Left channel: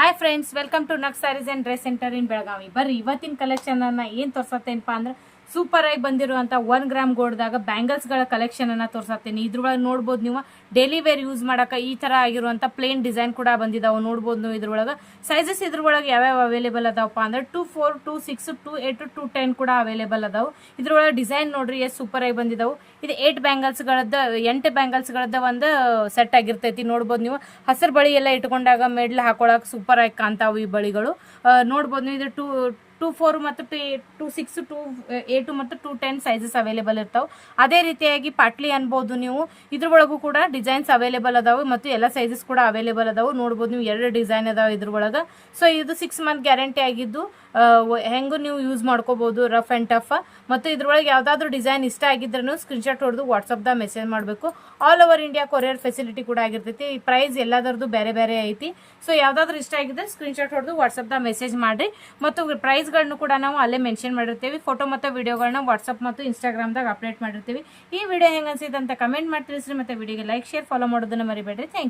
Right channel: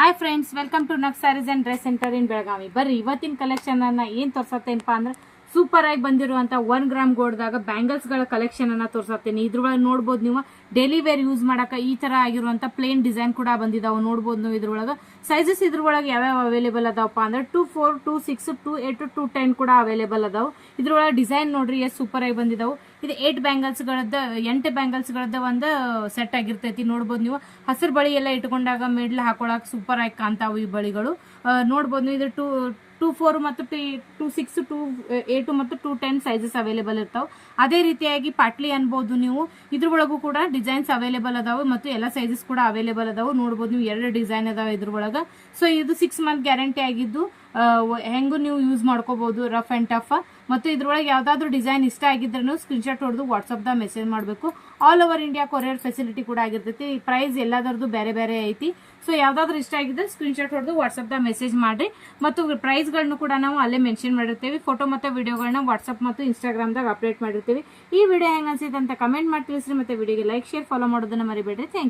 Hi friends, welcome to ನಕ್ sarees and dress centre in Belagavi. ಬರ್ರಿ ಇವತ್ತಿನ ಕಲೆಕ್ಷನ್ ಅನ್ನ ಏನ್ ತೋರ್ಸತ್ತೇನಪ್ಪ ಅಂದ್ರೆ ಸೂಪರ್ ಆಗಿ ಬಂದಿರುವಂತ 1 ಗ್ರಾಮ್ ಗೋಲ್ಡ್ದಾಗ ಬ್ಯಾಂಗಲ್ಸ್ ಗಳ ಕಲೆಕ್ಷನ್ ಅನ್ನ ತೋರ್ಸತ್ತೀನಿ. ಇದ್ರೊಳಗೆ ನೋಡ್ಬೋದು ನೀವು ಡೈಲಿ ವೇರ್ ಯೂಸ್ ಮಾಡಕ ಈ ತರ ಆಗಿರುವಂತ ಪ್ಲೇನ್ ಡಿಸೈನ್ ಕೂಡ ಬಂದಿದಾವ. ನೋಡ್ಬೋದು ನೀವು ಇದ್ರೊಳಗ ಸೈಜಸ್ ಇದ್ರೊಳಗೆ ಯಾವ್ಯಾವ ಅವೈಲೇಬಲ್ ಅದಾವಪ್ಪ ಅಂದ್ರೆ 2-4, 2-6, 2-8, 2-10 ಕೂಡ ಅವೈಲೇಬಲ್ ಅದಾವ. ಇದ್ರೊಳಗೆ ಡಿಸೈನ್ ನೋಡ್ರಿ ಎಷ್ಟು ಸೂಪರ್ ಆಗಿ ಬಂದಿದಾವು. ಇದು 8 ಬ್ಯಾಂಗಲ್ಸ್ ಗಳದ್ದ 8 ಬ್ಯಾಂಗಲ್ಸ್ ಗಳದ್ದ ಒಂದು ಸೆಟ್ ಆಗಿರ್ತೈತಿ. ನೋಡ್ಬೋದು ನೀವು ಹಸಿರು ಬಳಿ ಎಲ್ಲ ಇಟ್ಕೊಂಡಾಗ ಮೆಡ್ಲ್ ಹಾಕೊಳಕ್ ಸೂಪರ್ ಆಗಿ ಕಾಣ್ತಾವು ಈ ಬಳಿಗಳು. ನೋಡ್ಬೋದು ನೀವು ಇದು 2-4 ಮತ್ತು 2-6, 2-8 ಮತ್ತು 2-10 ಸೈಜಸ್ ಅವೈಲೇಬಲ್ ಇರ್ತಾವೆ. ಅದೇ ರೀತಿಯಾಗಿ ಪಾಟ್ಲಿ ಅನ್ಬೋದು ನೀವು. ಇದ್ರೊಳಗೂ ಕೂಡ ಡಿಸೈನ್ಸ್ ಅವೈಲೇಬಲ್ ಅದಾವೆ ಮತ್ತು ಎಲ್ಲ ಸೈಜಸ್ ಕೂಡ ಅವೈಲೇಬಲ್ ಅದಾವೆ. ನೋಡ್ಬೋದು ನೀವು 2 ಡಿಸೈನ್ ಅದಾವೆ ಇದ್ರೊಳಗ. ಸೊ ಇದು 6 ಮಂತ್ ಗ್ಯಾರಂಟಿ ಆಗಿದ್ದು ಹೆಂಗು ನೀವು ಯೂಸ್ ಮಾಡ್ಕೋಬಹುದು, ರಫ್ ಅಂಡ್ ಟಫ್. ಮತ್ತು ಇದ್ರೊಳಗೆ ಯಾವ್ದಾದ್ರು ಡಿಸೈನ್ ಇಷ್ಟ ಆಗಿದ್ರೂ ಸ್ಕ್ರೀನ್ಶಾಟ್ ಹೊಡೆದು ವಾಟ್ಸ್ಆಪ್ ಮೆಸೇಜ್ ಮಾಡಬೇಕು. All over India courier facility ಕೂಡ ಆಗಿರ್ತೈತಿ. ಪ್ರೈಸ್ ಎಲ್ಲದರದ್ದು ಬೇರೆ ಬೇರೆ ಐತಿ. ಸೊ ಯಾವ್ದಾದ್ರು ಇಷ್ಟ ಆಗಿದ್ರೆ ಸ್ಕ್ರೀನ್ಶಾಟ್ ಹೊಡೆದು ವಾಟ್ಸ್ಆಪ್ ಮೆಸೇಜ್ ಮಾಡ್ರಿ. ಮತ್ತು ಪ್ರೈಸ್ ಗಳನ್ನ ಕೂಡ ನಾವು ಅಲ್ಲೇ ಮೆನ್ಷನ್ ಮಾಡಿರ್ತೀವಿ. ಫೋಟೋ ಮತ್ತು ವಿಡಿಯೋಗಳನ್ನ ವಾಟ್ಸ್ಆಪ್ ಮತ್ತು ಇನ್ಸ್ಟಾಗ್ರಾಮ್ದಾಗ ಅಪ್ಡೇಟ್ ಮಾಡಿರ್ತೀವಿ. ಈ ವಿಡಿಯೋ ಹೆಂಗ ಅನ್ಸಿದೆ ಅಂತ ಕಮೆಂಟ್ ಮಾಡಿ ತಿಳಿಸ್ರಿ. ಮತ್ತೆ ವಿಡಿಯೋಗೆ ಲೈಕ್, ಶೇರ್, ಫಾಲೋ ಮಾಡೋದನ್ನ ಮರಿಬೇಡ್ರಿ. Thank you.